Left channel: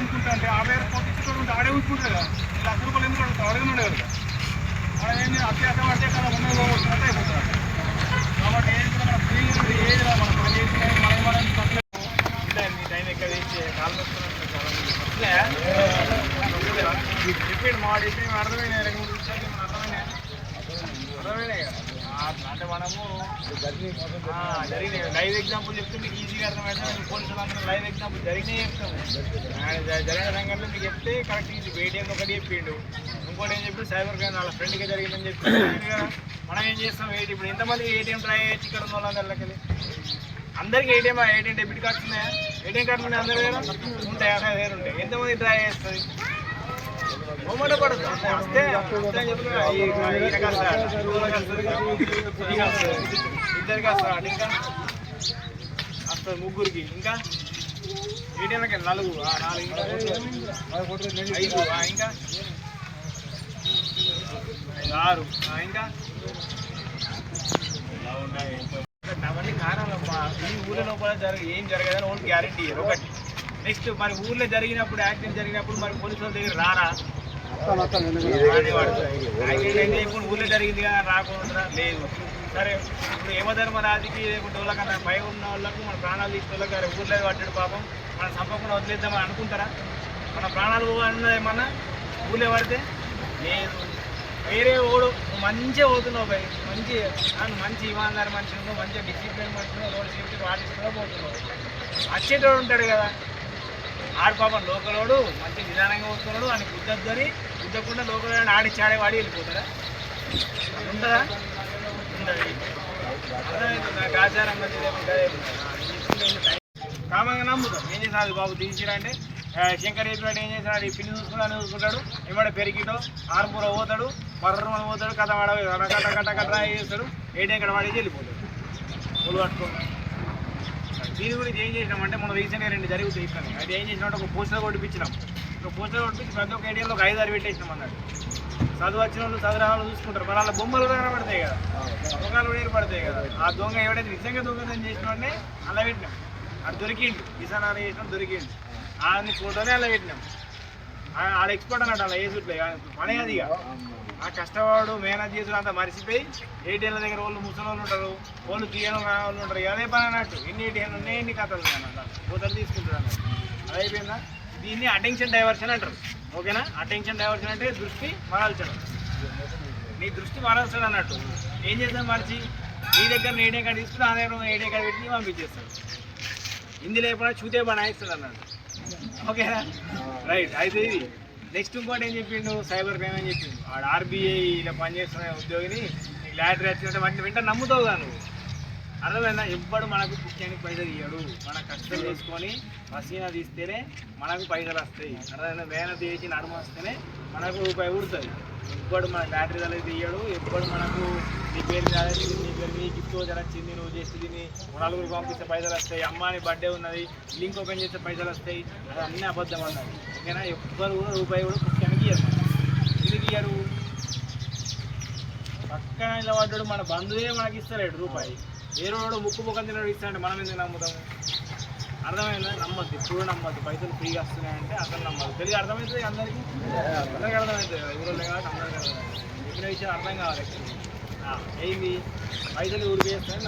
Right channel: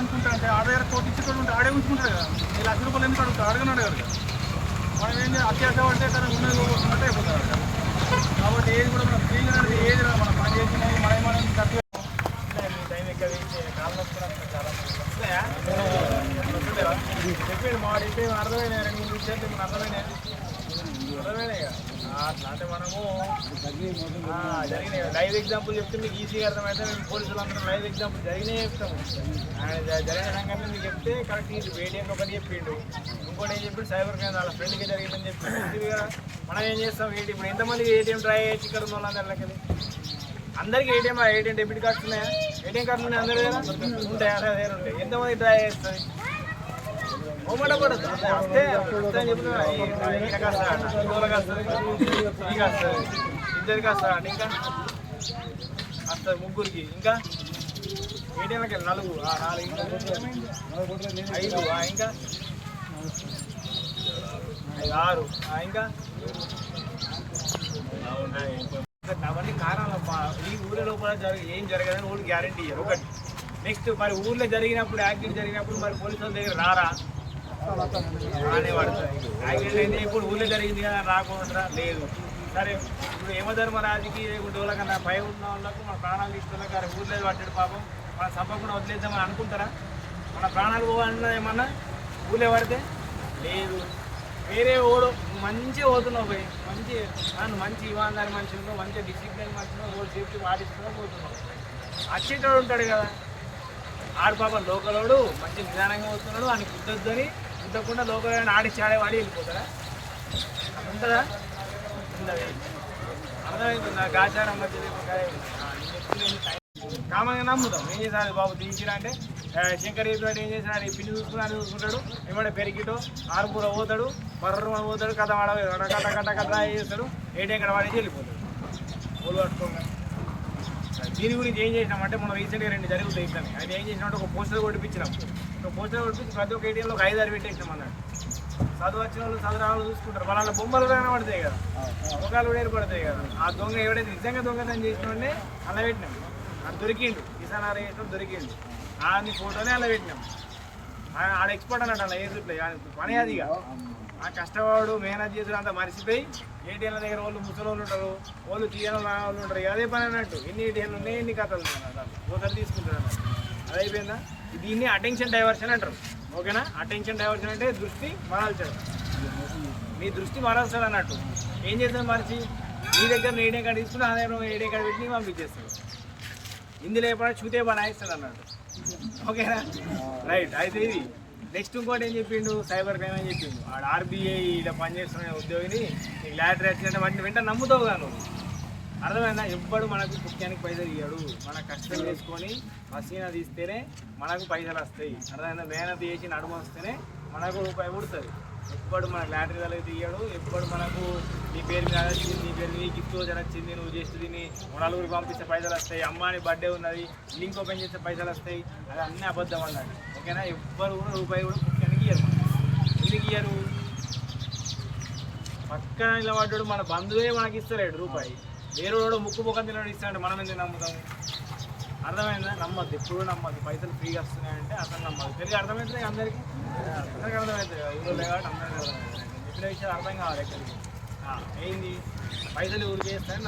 అనుకుంటా అంటే 50,000 కోట్లు ఇచ్చేటోడు ఉంటే ఆడే ఉంచుకుంటాడు కదా. 1,00,000 ఎందుకు అడుగుతాడు? అడగనుండే కదా. మనం ఏం చేయాలి? అత్యాశ పడితే కానీ ఉన్నది పోగొట్టుకుంటే అయిపోతుంది అక్కడ. కాబట్టి ఏది కూడా మనం ఫ్రీగా ఏది మనం పని చేసినది మనం తప్పలేదు. మీ టైం ఎక్కడ కాలు వస్తున్నట్టు చాలా మంది వస్తున్నాయా? చెప్పండి మా చెప్పి అర్థమైనా 2-3 విషయాలు మన అర్థమైనా కదా. అట్లా అంటే మనము జరిగినాయి లైవ్ ఎగ్జాంపుల్ చెప్తే మీకు ఈజీగా అర్థమైతే మేము పోలీసులు అందరం లైవ్ ఎగ్జాంపుల్ జరిగినాయి చెప్తాము. జరిగిన సంఘటనలు మీకు చెప్తే కరెక్ట్ ఈజీ. ఏటీఎం ఒకటి చెప్పిండు, ఇంకోటి ఏం చెప్పి సైబర్ క్రైమ్ వాళ్ళ ఫ్రెండ్కే జరిగిందని చెప్పి ఈజీ కదా. మనం ఏం చేస్తాం? ఇప్పుడు ఎంతమంది ఏటీఎం ట్రై చేయొచ్చు ఇక్కడ ఉన్న వాళ్ళందరికీ? అందరికీ ఏటీఎం డెబిట్ కార్డ్స్ ఉన్నాయా? ఏటీఎం కార్డులు ఉన్నాయి అందరూ కదా, ఉంటాయి. అక్కడ వేరు ఉంటాయి. ఎంతమంది ట్రై చేస్తుంది? మొమ్మట పడద్దు వస్తే చెప్పిన ఈయనకి వస్తాడు, ఇంకోళ్ళకి వస్తుంది, నీకు వస్తుంది, ఇద్దరికి వస్తాడు, ఇంకా వస్తుంది ముగ్గురికి, ఇంకా ఏటీఎంలకి 4 ఇంకా 5 ఇంకా 6 ఇంకా అవన్నీ కారణం. ఈ ఊళ్ళో లోపల ఏం జరగదని వాళ్ళు గ్యారెంటీ ఇయ్యరు. ఒకటి నెక్స్ట్ మరి ఊళ్ళో జరిగినప్పుడు యాక్సిడెంట్ జరిగినప్పుడు మరి పోలీసు వాళ్ళ దగ్గర రారా? యాక్సిడెంట్ అయితే ఇప్పుడు ఊళ్ళో జరిగింది కదా రాకుండా లేదు. సరే ఇప్పుడు యమధర్మరాజుకి లేకుంటే వాళ్ళకన్నా పై ఉన్న వాళ్ళకు మన ప్రాణాలు తీసుకోవాలి కానీ ఊళ్ళో పట్టాడు పాపం మనం చంపకుండా వదిలేద్దామని అనుకుంటారా? మన ప్రాణాలు పోవాలన్నా ఏమన్నా ఊళ్ళో పడితే లేదు. వేరే ఓడు నువ్వు మంచిగా పోతున్నావు పోయి నువ్వు మంచి ఇమాందారి మనిషి ఉన్నావు, మంచిగా డిసిప్లిన్ మనిషి ఉన్నావు, రోడ్ సేఫ్టీ పాటిస్తున్నావు పోతున్నావు. వచ్చేటోడు ఉంటాడు కదా ఆడు పాపం లోకలోడు మంచి నిదానంగా పోతున్నాడు అని కుద్దద్దు అని కుద్దకుండా లోకల్ ఆడిచ్చాడే వాడి వెళ్ళిపోతాడా? అది ఉంటుందా? ఉండదు. అర్థమవుతుంది. నాకు ఆచారం మంచిది కామంగా నమ్ముతాం. ఏం చేశాడు బాబు తీసిరా అంటే శంకర్ చెప్పినట్టు ఏం చేసినాడు? ఈ పిల్లి చూసుకుంటాడు ఏమంటే పెరిగిటో ఆరుపూర పోతాడు, బర్ర పోతాడు, కథ వాడ కట్ట చేస్తాడు, ఏటీఎం కడ వాడేసి వెళ్ళిపోతాడు ఒళ్ళు పట్టుకోగా. దీని గురించి ఏం చేసినామంటే మనం రీసెంట్గా 2 జరుగుతాయి ఇస్తాను. అది ఏం చేసినామంటే ఒక పోస్టర్ కొట్టిపించినాం. ఒక పోస్టర్ కొట్టించి ప్రతి ఒక్క ఏటీఎంలో ఒక 5-6 పెట్టేసినాం అన్నాడు. చదువు వచ్చిన వాళ్ళు చదువు చూసుకుంటారు. మన వాళ్ళ బొమ్మలు కనబడతాయి కదా, ముఖాలు కూడా ఏర్పడతాయి కదా. ఆ దొంగ ఎవడైతే నిజంగా దొంగతనం చేసినాడే అలా పెట్టినాం. అది దొరికిండు, కిసాన్ చేసినాడు దొరికిండు. ఆడిని ఫోటోనే అలా పెట్టినాం. ఆడ ఎక్స్పర్ట్ అన్నట్టు అలా వేసుట్లే పని అది. ఇక ఆ కష్టవాడు మేనేజ్ చేసుడు అంతా మరిచిపోయి ఏటీఎంల దగ్గర వాళ్ళు ముసలి వాళ్ళు ఉంటారు, వాళ్ళు తీయడం వాళ్ళు ఉంటారు. అదే పని అన్నట్టు ఎన్ని ఏటీఎంలు ఉన్నాయి ఎన్ని కథలు ఉన్నాయి అన్నట్టు పోతారు తీసుకుంటారు అన్నట్టు. అది అయిపోయిందా? దీన్ని అటెన్షన్ డైవర్షన్ అంటారు. ఓకేనా? అటెన్షన్ డైవర్షన్ అంటే దృష్టి మరల్చడం. నీ దృష్టి మరల్చాడు అన్నట్టు. ఏం చేస్తాం మరిచి నీ దగ్గర ఏటీఎం కార్డు తీసుకుని ఆ దగ్గర ఏటీఎం కార్డు పెట్టి పంపించేస్తాడు. ఇందులో ఎప్పుడైనా చూతే పని ఆయిస్తాడు అన్నట్టు. ఓకేనా? రైట్. అయితే ఇది నెక్స్ట్ ఇంకోటి ఏం చెప్పిండు? సైబర్ క్రైమ్ అని చెప్పిండు. ఆడ ఆర్బీఐ ఇలా పనిచేస్తున్న ఉద్యోగిని నీకు లాటరీ వచ్చిందంటే వాటిని వెంటనే నమ్ముతావు కదా నువ్వు. అర్థమైందా? ఎవ్వడు మనకు ముఖ్యానికి పైసలు ఇయ్యాడు. మనం కష్టం చేసుకొని పసీనా తీస్తేనే మనకు పైసలు వస్తాయి. అర్థమైందా? మేనత్ చేసి నడుమ వస్తేనే మనకు రూపాయి ఉడుతుంది. ఎవ్వడు మనకు లాటరీ తలైతే ఇయ్యాడు. ఎవ్వడు మనకు నీ పేరు మీద నీ పేరు మీద గిఫ్ట్ వచ్చింది నువ్వు చేస్తే దీన్ని 4 పంపిస్తే పైసలు వస్తాయి, అమ్మాని బర్త్డే ఉన్నది లింక్ ఓపెన్ చేస్తే పైసలు వస్తాయి, అది అన్నీ అబద్ధం అన్నది. ఓకేనా? ఎవ్వరు కూడా రూపాయి కూడా ముఖ్యానికి ఇయ్యరు. ఎందుకు ఇయ్యరు? పక్కన ఇలా పడ్డాడు మన బంధువే మనకి ఇస్తలేడు రూపాయి, వేరే వాడు ముక్కు ముఖం తినడు ఇస్తాడంటే మనం ఎందుకు నమ్ముతాము? అర్థమైందా? నమ్మద్దు, ఎప్పుడు నమ్మద్దు. పైసలు ఫ్రీగా వస్తున్నాయంటే అసలు నమ్మద్దు. తెలియదు. అర్థమవుతుంది అందరికీ అర్థమవుతుంది. ఊళ్ళో కాబట్టి అందరికీ అర్థమవుతుంది. నేను చెప్పిన విషయం అర్థం కావాలి. ఎక్కడికి ఏంది పైసలు ఊరికి వేస్తాయని